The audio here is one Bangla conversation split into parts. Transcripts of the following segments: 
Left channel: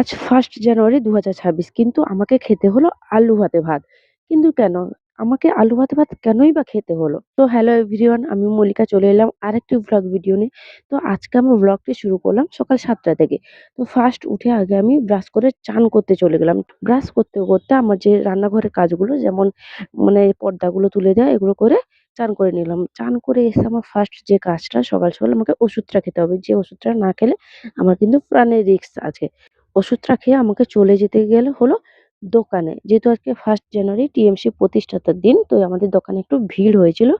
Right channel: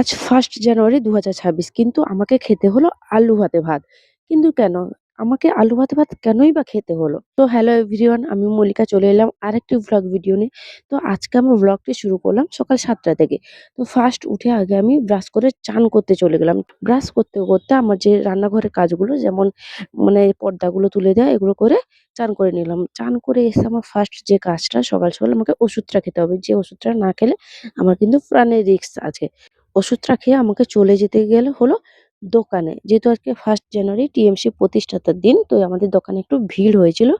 আজ 1st জানুয়ারি ২০২৬ কিন্তু আমাকে খেতে হলো আলু ভাতে ভাত। কিন্তু কেন? আমাকে আলু ভাতে ভাত কেনই বা খেতে হলো? তো হ্যালো এভরিওয়ান, আমি মল্লিকা চলে এলাম আরেকটি ভ্লগ ভিডিও নিয়ে। তো আজকে আমার ভ্লগটি শুরু করলাম সকাল ৭টা থেকে। তো ফার্স্ট উঠে আগে আমি ব্রাশ করে চান করতে চলে গেলাম। ব্রাশ করতে, করতে আমার যে রান্নাঘরের কাজগুলো যেমন মানে পর্দাগুলো তুলে দেওয়া এগুলো করে চান করে নিলাম। চান করে এসে আমার ফার্স্ট যে কাজটা সকাল, সকাল আমাকে ওষুধটা খেতে হবে। যে ওষুধটা না খেলে আমার কিন্তু প্রাণের রিস্ক আছে। ওষুধটা খেয়ে আমাকে চলে যেতে গেলে হলো দোকানে। যেহেতু আজকে 1st জানুয়ারি টিএমসি প্রতিষ্ঠাতার দিন, তো আমাদের দোকানে একটু ভিড় হয়েছিল।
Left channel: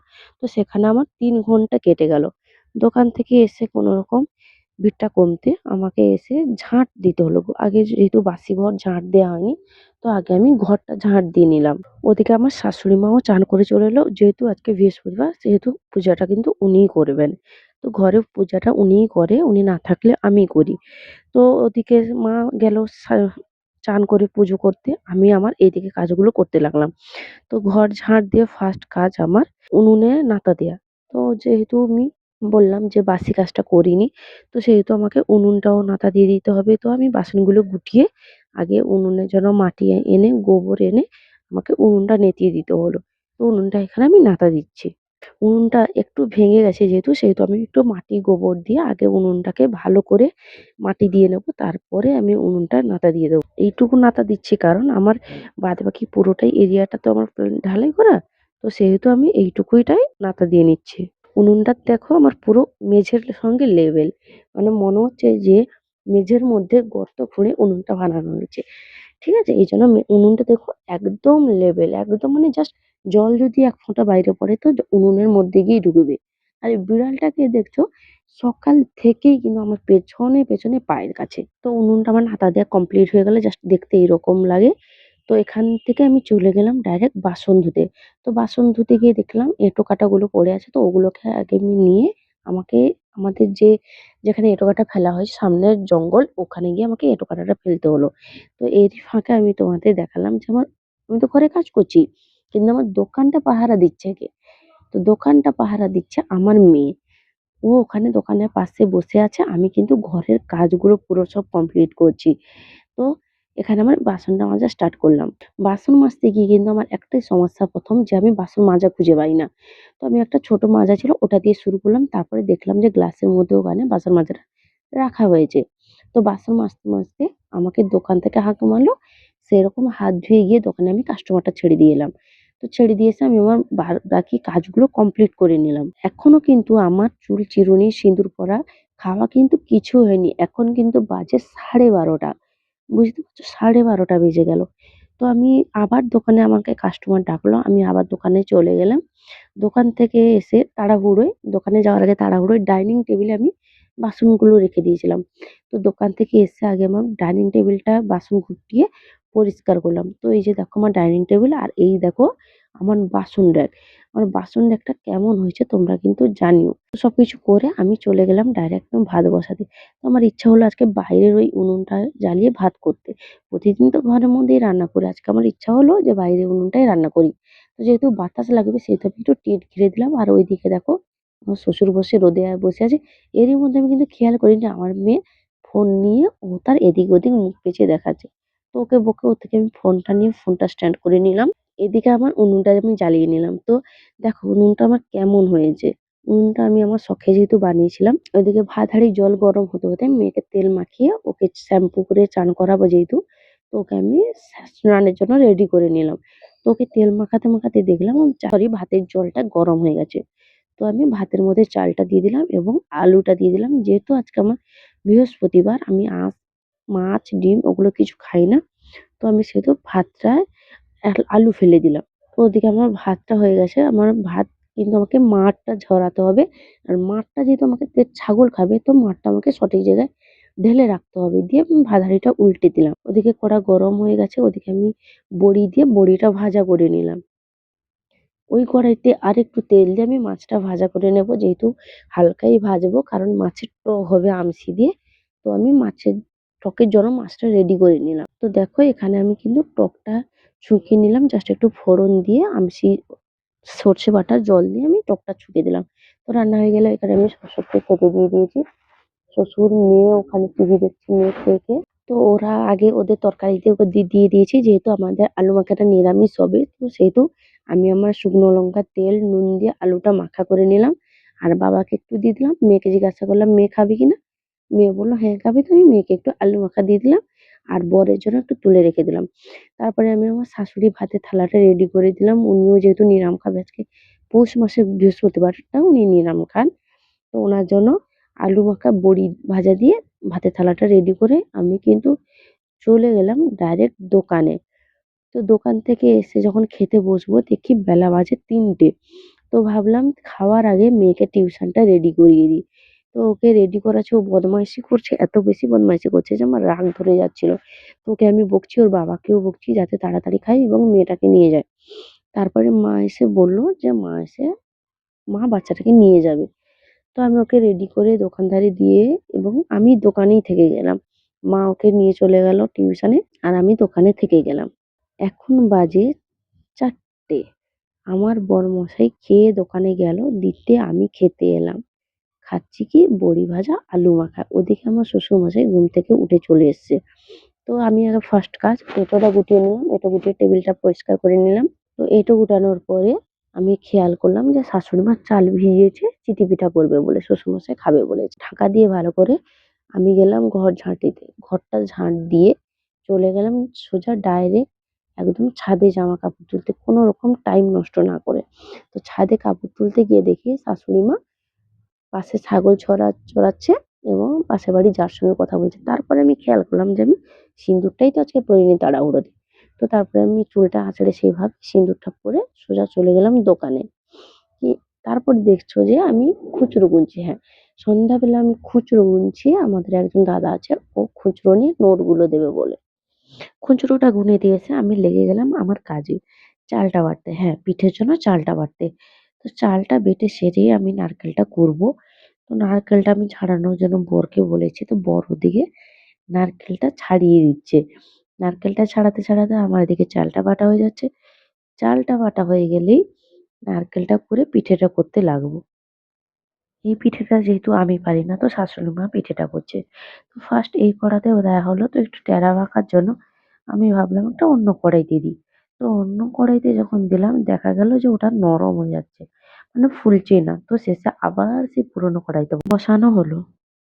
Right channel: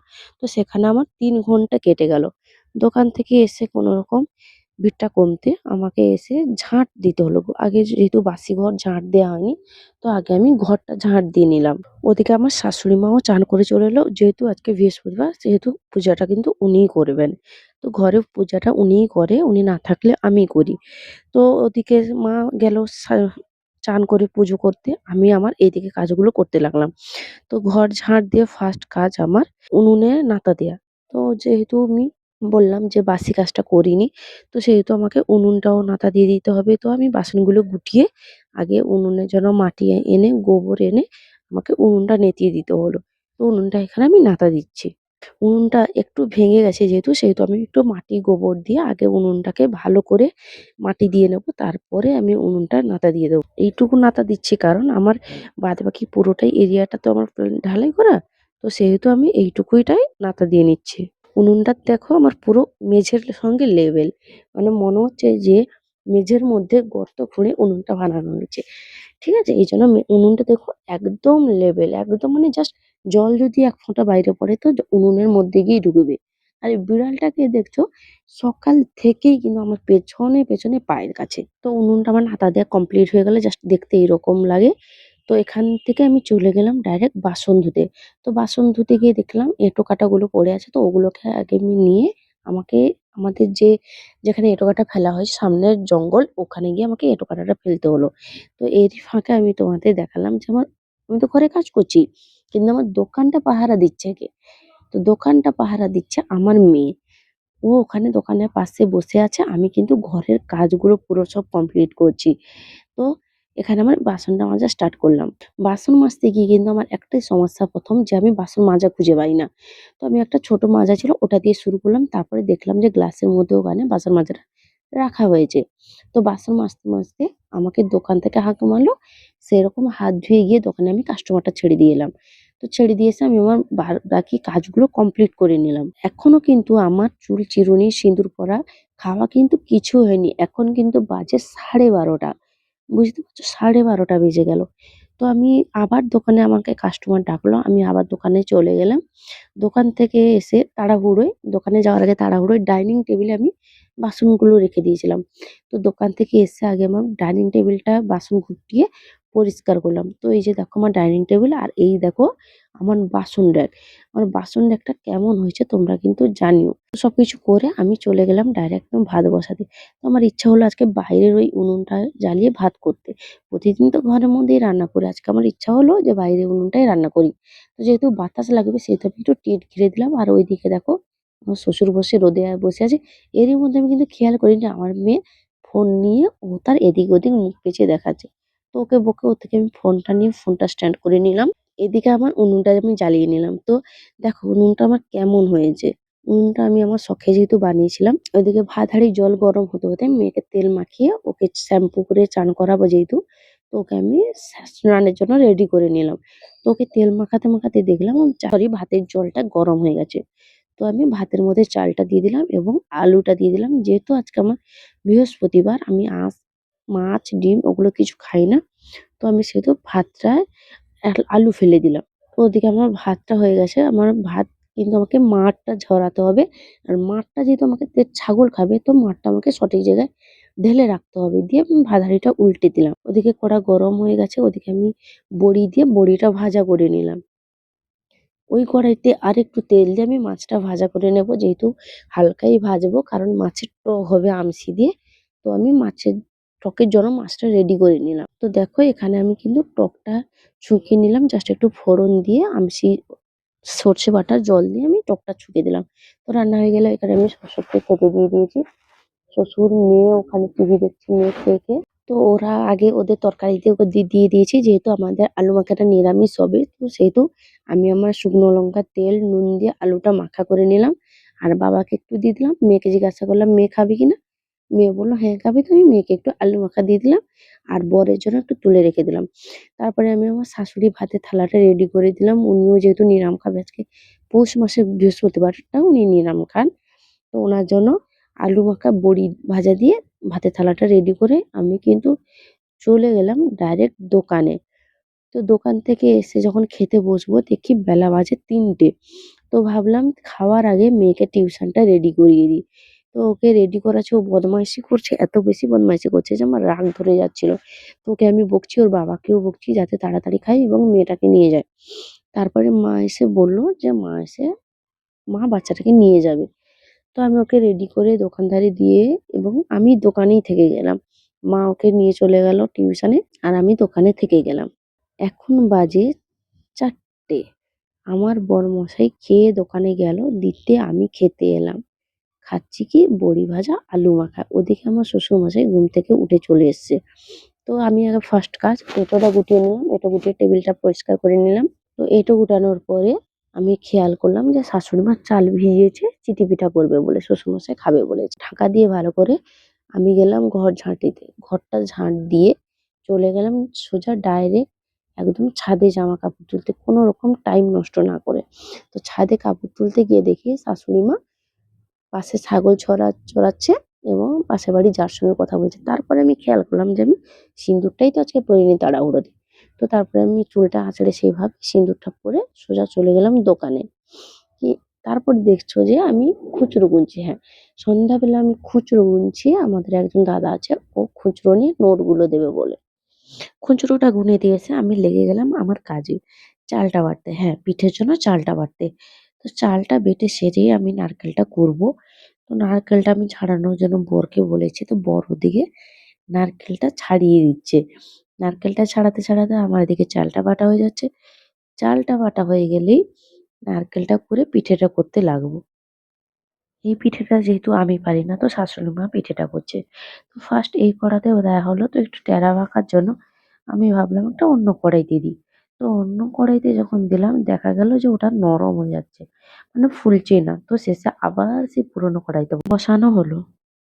তো সেখানে আমার ৩ ঘন্টা কেটে গেল। দোকান থেকে এসে কোনরকম ভিড়টা কমতে আমাকে এসে ঝাঁট দিতে হলো। আগে যেহেতু বাসি ঘর ঝাঁট দেওয়া হয়নি, তো আগে আমি ঘরটা ঝাঁট দিয়ে নিলাম। ওদিকে আমার শাশুড়ি মাও চান করে চলে এলো। যেহেতু আজকে বৃহস্পতিবার সেহেতু পূজাটা কিন্তু উনিই করবেন। তো ঘরের পূজাটা উনিই করে, উনি না থাকলে আমি করি। তো ওদিকে মা গেল চান করে পুজো করতে। আমি আমার এইদিকে কাজগুলো করতে লাগলাম। তো ঘর ঝাড় দিয়ে ফার্স্ট কাজ আমার উনুনে নাতা দেয়া। তো যেহেতু আমি বললাম যে বাসি কাজটা করিনি, তো সেহেতু আমাকে উনুনটাও নাতা দিয়ে দিতে হবে। তো আমি বাসনগুলো গুটিয়ে আগে উনুনে যেন মাটি এনে, গোবর এনে আমাকে উনুনটা নেতিয়ে দিতে হলো। তো উনুনটা এখানে আমি নাতা দিচ্ছি। উনুনটা একটু ভেঙে গেছে সেহেতু আমি একটু মাটি গোবর দিয়ে আগে উনুনটাকে ভালো করে মাটি দিয়ে নেব। তারপরে আমি উনুনটা নাতা দিয়ে দেবো। এইটুকু নাতা দিচ্ছি কারণ আমার বাদবাকি পুরোটাই এরিয়াটা তো আমার ঢালাই করা। তো সেহেতু আমি এইটুকুটাই নাতা দিয়ে নিচ্ছি। উনুনটা দেখো আমার পুরো মেঝের সঙ্গে লেভেল। মানে মনে হচ্ছে যে মেঝের মধ্যে গর্ত খুঁড়ে উনুনটা বানানো হয়েছে। ঠিক আছে? এইজন্য উনুনটা দেখো একদম লেভেল, একদম মানে জাস্ট জল যদি ১ ফোঁটা বাইরে পড়ে তো উনুনের মধ্যে গিয়ে ঢুকবে। আর এই বিড়ালটাকে দেখছো সকাল থেকেই কিন্তু আমার পেছনে, পেছনে পায়ের কাছে। তো উনুনটা আমার হাতা দেয়া কমপ্লিট হয়ে গেলে জাস্ট দেখতে এরকম লাগে। তো এখান থেকে আমি চলে গেলাম ডাইরেক্ট বাসন ধুতে। তো বাসন ধুতে গিয়ে দেখলাম এঁটো-কাঁটাগুলো পড়ে আছে। তো ওগুলোকে আগে আমি নিয়ে আমাকে আমাদের যেখানে এঁটো-কাঁটা ফেলা হয় সামনের জঙ্গল ওখানে গিয়ে আমাকে এঁটো-কাঁটাটা ফেলতে হলো। তো এরই ফাঁকে আমি তোমাদের দেখালাম যে আমি তো ঘরে কাজ করছি। কিন্তু আমার দোকানটা পাহারা দিচ্ছে কে? তো দোকানটা পাহারা দিচ্ছে আমার মেয়ে। ও ওখানে দোকানের পাশে বসে আছে। আমি কিন্তু ঘরের কাজগুলো পুরো সব কমপ্লিট করছি। তো এখানে আমার বাসনটা মাজা স্টার্ট করলাম। বাসন মাজতে গিয়ে কিন্তু আমার একটাই সমস্যা ১ম যে আমি বাসন মাজা খুঁজে পাই না। তো আমি একটা ছোট মাজা ছিল ওটা দিয়ে শুরু করলাম। তারপরে দেখলাম যে গ্লাসের মধ্যে ওখানে বাসন মাজাটা রাখা হয়েছে। তো বাসন মাজতে, মাজতে আমাকে দোকান থেকে হাঁক মারলো। সেরকম হাত ধুয়ে গিয়ে দোকানে আমি কাস্টমারটা ছেড়ে দিয়ে এলাম। তো ছেড়ে দিয়ে এসে আমি আমার বাকি কাজগুলো কমপ্লিট করে নিলাম। এখনো কিন্তু আমার চুল চিরুনি, সিঁদুর পরা, খাওয়া কিন্তু কিছু হয়নি। এখন কিন্তু বাজে 12:30। বুঝতে পারছো? 12:30 বেজে গেল। তো আমি আবার দোকানে আমাকে কাস্টমার ডাকলো। আমি আবার দোকানে চলে গেলাম। দোকান থেকে এসে তাড়াহুড়োয় দোকানে যাওয়ার আগে তাড়াহুড়োয় ডাইনিং টেবিলে আমি বাসনগুলো রেখে দিয়েছিলাম। তো দোকান থেকে এসে আগে আমার ডাইনিং টেবিলটা বাসন গুটিয়ে পরিষ্কার করলাম। তো এই যে দেখো আমার ডাইনিং টেবিল আর এই দেখো আমার বাসন র‍্যাক। আমার বাসন র‍্যাকটা কেমন হয়েছে তোমরা কিন্তু জানিও। তো সবকিছু করে আমি চলে গেলাম ডাইরেক্ট ভাত বসাতে। তো আমার ইচ্ছা হলো আজকে বাইরের ওই উনুনটা জ্বালিয়ে ভাত করতে। প্রতিদিন তো ঘরের মধ্যেই রান্না করি। আজকে আমার ইচ্ছা হলো যে বাইরের উনুনটায় রান্না করি। তো যেহেতু বাতাস লাগবে সেহেতু আমি একটু টিন ঘিরে দিলাম। আর ওইদিকে দেখো আমার শ্বশুর বসে রোদে বসে আছে। এরই মধ্যে আমি কিন্তু খেয়াল করিনি আমার মেয়ে ফোন নিয়ে ও তার এদিক ওদিক মুখ পেঁচিয়ে দেখাচ্ছে। তো ওকে বকে ওর থেকে আমি ফোনটা নিয়ে ফোনটা স্ট্যান্ড করে নিলাম। এদিকে আমার উনুনটা আমি জ্বালিয়ে নিলাম। তো দেখো উনুনটা আমার কেমন হয়েছে। উনুনটা আমি আমার শখে যেহেতু বানিয়েছিলাম। ওইদিকে ভাত হাঁড়ির জল গরম হতে, হতে মেয়েকে তেল মাখিয়ে ওকে শ্যাম্পু করে চান করাবো যেহেতু, তো ওকে আমি স্নানের জন্য রেডি করে নিলাম। তো ওকে তেল মাখাতে, মাখাতে দেখলাম ভাতের জলটা গরম হয়ে গেছে। তো আমি ভাতের মধ্যে চালটা দিয়ে দিলাম এবং আলুটা দিয়ে দিলাম। যেহেতু আজকে আমার বৃহস্পতিবার আমি মাছ, ডিম ওগুলো কিছু খাই না। তো আমি সেহেতু ভাতটায় আলু ফেলে দিলাম। তো ওদিকে আমার ভাতটা হয়ে গেছে। আমার ভাত কিন্তু আমাকে মাড়টা ঝরাতে হবে। আর মাড়টা যেহেতু আমাকে ছাগল খাবে তো মাড়টা আমাকে সঠিক জায়গায় ঢেলে রাখতে হবে। দিয়ে আমি ভাত হাঁড়িটা উল্টে দিলাম। ওদিকে কড়া গরম হয়ে গেছে। ওদিকে আমি বড়ি দিয়ে বড়িটা ভাজা করে নিলাম। ওই কড়াইতে আরেকটু তেল দিয়ে আমি মাছটা ভাজা করে নেব। যেহেতু হালকাই ভাজবো কারণ মাছের টক হবে আমশি দিয়ে। তো আমি মাছের টকের জন্য মাছটা রেডি করে নিলাম। তো দেখো এখানে আমি কিন্তু টকটা ছুঁকে নিলাম। জাস্ট একটু ফোড়ন দিয়ে আমশি সর্ষে বাটা জল দিয়ে আমি টকটা ছুঁকে দিলাম। তো রান্না হয়ে গেলে এখানে আমি শ্বশুরকে খেতে দিয়ে দিয়েছি। শ্বশুর, মেয়ে ওখানে টিভি দেখছে মেয়ে খেয়ে, খেয়ে। তো ওরা আগে ওদের তরকারিতে ওকে দিয়ে দিয়েছি, যেহেতু আমাদের আলু মাখাটা নিরামিষ হবে, তো সেহেতু আমি আমার শুকনো লঙ্কা, তেল, নুন দিয়ে আলুটা মাখা করে নিলাম। আর বাবাকে একটু দিয়ে দিলাম। মেয়েকে জিজ্ঞাসা করলাম, "মেয়ে খাবি কিনা?" মেয়ে বলল, "হ্যাঁ খাবি।" তো আমি মেয়েকে একটু আলু মাখা দিয়ে দিলাম। আর বরের জন্য একটু তুলে রেখে দিলাম। তারপরে আমি আমার শাশুড়ির ভাতের থালাটা রেডি করে দিলাম। উনিও যেহেতু নিরাম খাবে আজকে, পৌষ মাসের বৃহস্পতিবারটা উনি নিরাম খান। তো ওনার জন্য আলু মাখা, বড়ি ভাজা দিয়ে ভাতের থালাটা রেডি করে আমি কিন্তু চলে গেলাম ডাইরেক্ট দোকানে। তো দোকান থেকে এসে যখন খেতে বসবো, দেখি বেলা বাজে ৩টে। তো ভাবলাম খাওয়ার আগে মেয়েকে টিউশনটা রেডি করিয়ে দিই। তো ওকে রেডি করাচ্ছি, ও বদমাইশি করছে, এত বেশি বদমাইশি করছে যে আমার রাগ ধরে যাচ্ছিল। তো ওকে আমি বকছি, ওর বাবাকেও বকছি যাতে তাড়াতাড়ি খায় এবং মেয়েটাকে নিয়ে যায়। তারপরে মা এসে বলল যে মা বাচ্চাটাকে নিয়ে যাবে। তো আমি ওকে রেডি করে দোকানদারে দিয়ে এবং আমি দোকানেই থেকে গেলাম। মা ওকে নিয়ে চলে গেল টিউশনে আর আমি দোকানে থেকে গেলাম। এখন বাজে ৪টে। আমার বরমশাই খেয়ে দোকানে গেল, দিতে আমি খেতে এলাম। খাচ্ছি কি বড়ি ভাজা, আলু মাখা। ওদিকে আমার শ্বশুরমশাই ঘুম থেকে উঠে চলে এসছে। তো আমি আগে ফার্স্ট কাজ এঁটোটা গুটিয়ে নিলাম। এঁটো গুটিয়ে টেবিলটা পরিষ্কার করে নিলাম। তো এঁটো গুটানোর পরে আমি খেয়াল করলাম যে শাশুড়ি মা চাল ভিজিয়েছে চিটি পিঠা করবে বলে, শ্বশুরমশাই খাবে বলেছে। ঢাকা দিয়ে ভালো করে আমি গেলাম ঘর ঝাঁট দিতে। ঘরটা ঝাঁট দিয়ে চলে গেলাম সোজা ডাইরেক্ট একদম ছাদে জামা কাপড় তুলতে, কোনো রকম টাইম নষ্ট না করে। তো ছাদে কাপড় তুলতে গিয়ে দেখি শাশুড়ি মা পাশে ছাগল চড়াচ্ছে এবং পাশের বাড়ির যার সঙ্গে কথা বলছে। তারপরে আমি খেয়াল করলাম যে আমি সিঁদুরটাই তো আজকে পরিনি তাড়াহুড়োতে। তো তারপরে আমি চুলটা আঁচড়ে সেইভাবে সিঁদুরটা পরে সোজা চলে গেলাম দোকানে। কি তারপর দেখছো যে আমি খুচরো গুনছি। হ্যাঁ, সন্ধ্যাবেলা আমি খুচরো গুনছি। আমাদের একজন দাদা আছে, ও খুচরো নিয়ে নোটগুলো দেবে বলে। খুচরোটা গুনে দিয়েছে, আমি লেগে গেলাম আমার কাজে। চালটা বাটতে, হ্যাঁ, পিঠের জন্য চালটা বাটতে। তো চালটা বেটে সেরেই আমি নারকেলটা কুড়বো। তো নারকেলটা আমি ছাড়ানোর জন্য বরকে বলেছি। তো বর ওদিকে নারকেলটা ছাড়িয়ে দিচ্ছে। নারকেলটা ছাড়াতে আমার এদিকে চালটা বাটা হয়ে যাচ্ছে। চালটা বাটা হয়ে গেলেই নারকেলটা কুড়ে পিঠেটা করতে লাগবো। এই পিঠেটা যেহেতু আমি পারি না, তো শাশুড়ি মা পিঠেটা করছে। তো ফার্স্ট এই কড়াতেও দেয়া হলো, তো একটু টেরা বাঁকার জন্য আমি ভাবলাম একটা অন্য কড়াইতে দিই। তো অন্য কড়াইতে যখন দিলাম দেখা গেল যে ওটা নরম হয়ে যাচ্ছে, মানে ফুলছেই না। তো শেষে আবার সেই পুরোনো কড়াইতে বসানো হলো।